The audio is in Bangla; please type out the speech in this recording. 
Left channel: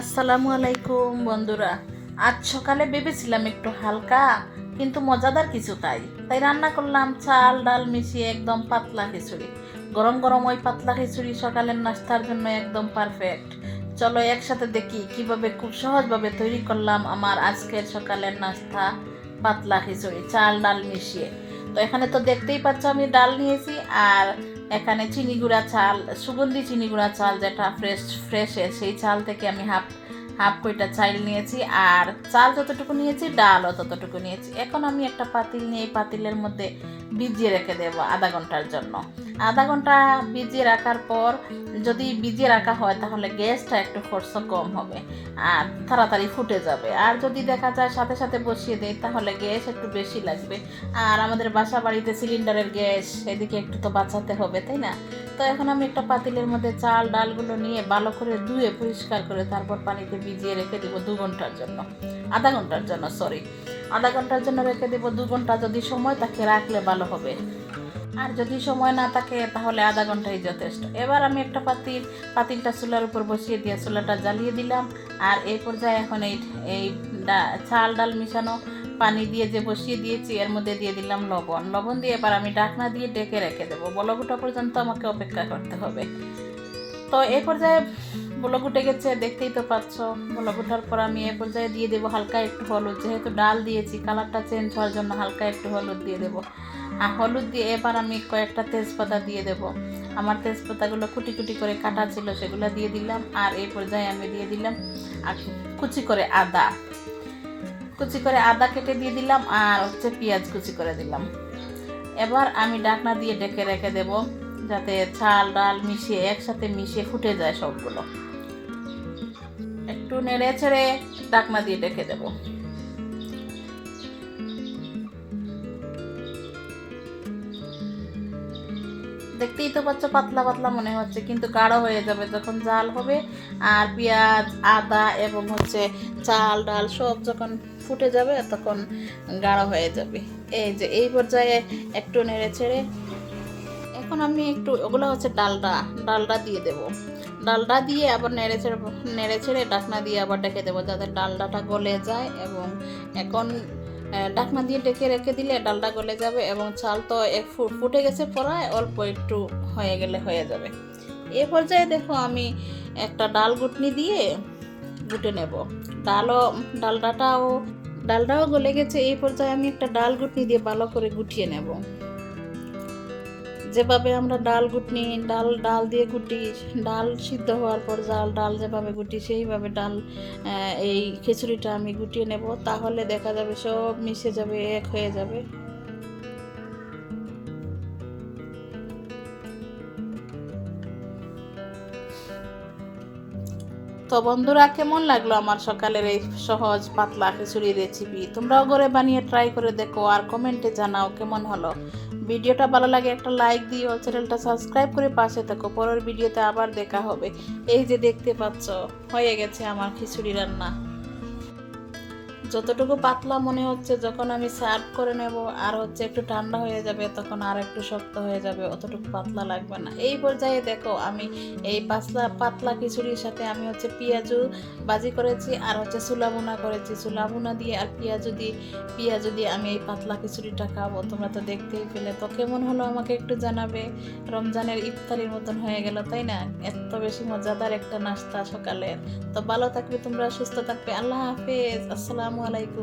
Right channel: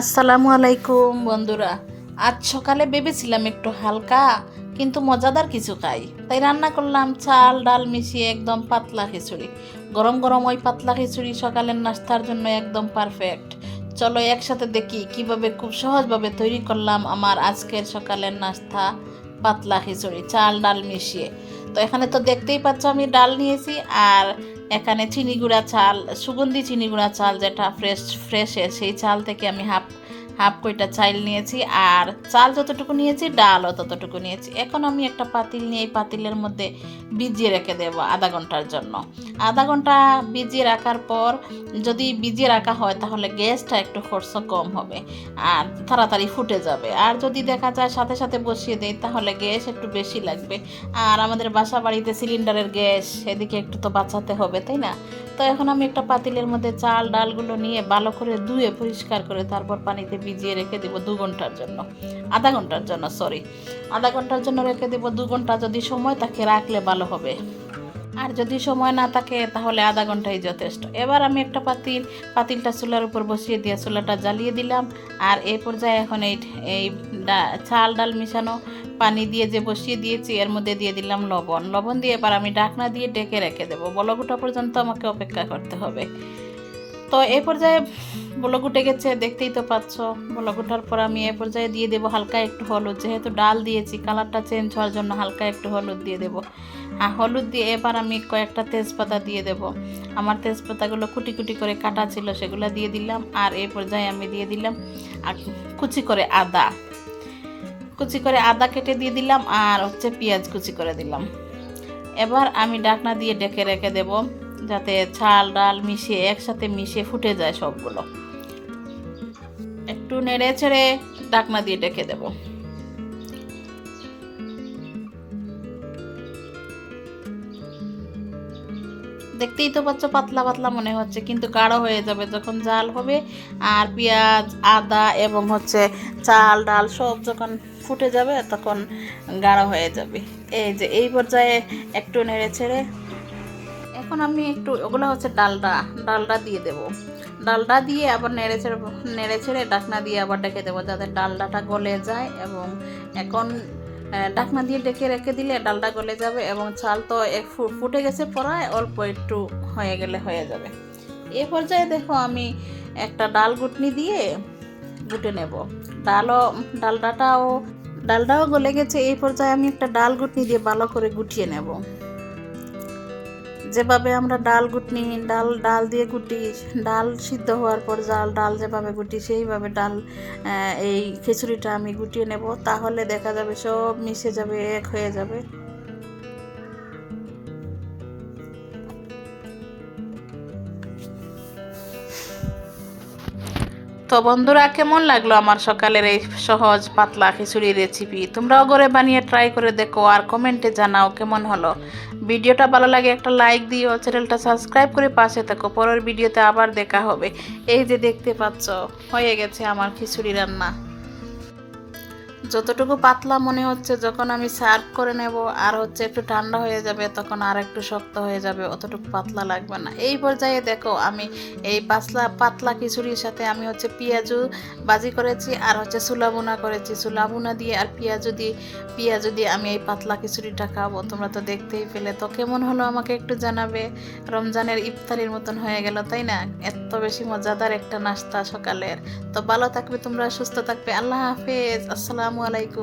আসসালামু আলাইকুম, বন্ধুরা। আজ সকালে ভেবেছিলাম একটু হালকা, কিন্তু মজাদার কিছু খাই তাই রান্না করলাম চাল, ডাল মিশিয়ে একদম পাতলা খিচুড়ি। গরম গরম ওই পাতলা খিচুড়ি সকালের নাস্তার জন্য একদম পারফেক্ট চলো একসাথে দেখি কীভাবে খুব সহজভাবে তৈরি করলাম আমার আজকের সকালের নাস্তা, পাতলা খিচুড়ি, চাল, ডাল মিশিয়ে। তো এখানে তো দেখতেই পাচ্ছ আমি ডাল নিয়েছি আর এখানে চিনি গুঁড়া চাল, সুগন্ধি চিনি গুঁড়া চাল যেটা ফ্রেশ ফ্রেশের সেই চাল থেকে আমি হাফ হাফ কইটা চাল নিয়েছি আর চাল যতটুকু নিয়েছি, ডালও ততটুকু নিয়েছি। এখন আমি একটা পাতিল নিয়ে এই পাতিলের মধ্যে ভিজিয়ে রেখে দেবো আধা ঘণ্টার জন্য। আধা ঘণ্টা ভিজিয়ে রাখার পর যদি ভিজিয়ে রাখা হয় তাহলে গ্যাসটা একটু খরচ কম হবে আর তাড়াতাড়ি ফুটে যাবে। আর যদি দেখা যায় সাথে সাথে বসিয়ে দেয় তাহলে গ্যাস একটু বেশি লাগবে। আর আমাদের বাসা বাড়িতে সিলিন্ডারের গ্যাস সেদিকে একটু তো বাঁচাতে হবে, তাই না? তো এখন আমি একটা পাতিলের মধ্যে চাল, ডালগুলো নিয়ে ভালো করে ধুয়ে পরিষ্কার করে তারপর পানিতে ভিজিয়ে রেখে দেবো দু ঘণ্টার জন্য। আধা ঘণ্টার জন্য সরি আধা ঘণ্টার জন্য রেখে দেবো দু ঘণ্টা যদি সময় তাকে রাখলে ভালো হবে। আর যদি সময় না থাকে তাহলে আধা ঘন্টাই যথেষ্ট। এবার আমি একটা পাতিল, পাতিলটা চুলার উপর বসিয়ে দিয়ে চুলাটা জ্বালিয়ে দিলাম। আর এই পর্যায়ে এখন এই এই চাল, ডাল মিশানো পানি দিয়ে যে বসিয়ে দিয়েছি, এর মধ্যে দিয়ে দিলাম লবণ। লবণ দিয়ে এবার আমি ঢাকনা দিয়ে ডেকে রেখে দেবো। ওঠা পর্যন্ত আমাকে অপেক্ষা করতে হবে। তো এ পর্যায়ে উঠে গেছে, দেখতেই তো পাচ্ছ। বলক ওঠার পর আমি এ পর্যায়ে দিয়ে দেবো হালকা একটু হলুদ। যেহেতু ডাল দিয়েছি, কালারটা চেঞ্জ হওয়ার জন্য হালকা একটু হলুদ দিয়ে দেবো। আর হলুদ দিয়ে এবার আমি কয়েকটা তেজপাতা দিয়ে দেব। আমার তেজপাতাগুলো কুটি কুটি করে কাটা ছিল, সেগুলো দিয়ে দিলাম। আর এই পর্যায়ে আমি দিয়ে দিলাম আর কুচি করে আদা। কুচি করে আদা কেটে দিয়ে দিলাম আর হচ্ছে পেঁয়াজ কুচি করে দিলাম। এবার আমি ডাকনা দিয়ে ডেকে রেখে দেব যাতে চাল ডাল মিশিয়ে একসাথে মিশিয়ে ফুটে যায় সবগুলো। একটু নেড়ে ছেড়ে ডাকনা দিয়ে ডেকে দেবো। দেখতেই তো পাচ্ছ পাতলা পাতলা মনে হচ্ছে, কিন্তু গাঢ় হয়ে যাবে যখন জাল হবে। আর পেঁয়াজ, আদা এবং হচ্ছে চাল, ডাল সব যখন ফুটে যাবে, তখন গাঢ় হয়ে যাবে। এই যে, এই পর্যায়ে একটু নেড়ে ছেড়ে। এখন আমি একটু, ওগুলো হচ্ছে ডালডা ডালডা দিয়ে দেবো। ডালডা দিয়ে আবার নেড়ে ছেড়ে নেড়ে ছেড়ে ডাকনা দিয়ে আবার ডেকে দেবো, যাতে ডালডাটা গলে যায় এবং এখন ডাকনা দিয়ে ডেকে রেখে দিলে ডালটা গলে যাবে এবং চাল তো এক ফু- ফুটে গেছে পড়ায়, অল্প একটু হয়ে গেলে হয়ে যাবে। এ পর্যায়ে দেখো আমি একটা ডাল গুটনি দিয়ে গুটে নেব। ডালও, ডালডাটাও ডালটাও গলে গেছে, এই পর্যায়ে আমি একটা ডাল গুটনি দিয়ে ভালো করে গুটিয়ে নেব। যেভাবে আমরা ডাল গুটনি, ডাল ডাল দিয়ে গুটি, ডাল সিদ্ধ হওয়ার পর জাল, ডাল যেভাবে গুটি, সেইভাবে ডাল এই খিচুড়িটা আমি গুটিয়ে নেব, তাহলে দেখা যাবে সব মিশে যাবে, এক হয়ে যাবে। তো বন্ধুরা, কেমন লাগল আমার সকালের এই সহজ পাতলা খিচুড়ি রেসিপি তোমরাও ঘরে বানিয়ে ট্রাই করে দেখো আর কমেন্টে জানাও কেমন হলো। ভিডিওটা ভালো লাগে একটা লাইক দিও চ্যানেলটা সাবস্ক্রাইব করে পাশে থাকো। পরের ভিডিওতে আবার দেখা হবে। এই যে দেখতে পাচ্ছ, হয়ে গেছে আমার খিচুড়ি রান্না। যতটুকু পাতলা মনে হচ্ছে, যখন আমি সার্ভ করে নেব আর হচ্ছে একটু ঠান্ডা হয়ে যাবে, তখন আর একটু শক্ত হয়ে যাবে, অতটুকু পাতলা লাগবে না। এই পর্যায়ে দেখো, আমি এই পাতলা পাতলা খিচুড়ির সাথে আমি হচ্ছে পেঁয়াজু বাজি করেছি আর হচ্ছে সুলাবুনা করেছি। সুলাবুনা দিয়ে আর পেঁয়াজু দিয়ে পেঁয়াজু দিয়ে আমি এই পাতলা খিচুড়িটা খাব। তোমরা তো দেখতেই পেলে। তো কেমন হলো আমাকে একটু জানাবে? রমজানের ইফতারির মতন হয়ে গেল, তাই না? এত বেশি মজাদার একটা নাস্তা সকালের। তো ভালো থাকবে তোমরা, সুস্থ থাকবে। আল্লাহ হাফেজ। আসসালামু আলাইকুম।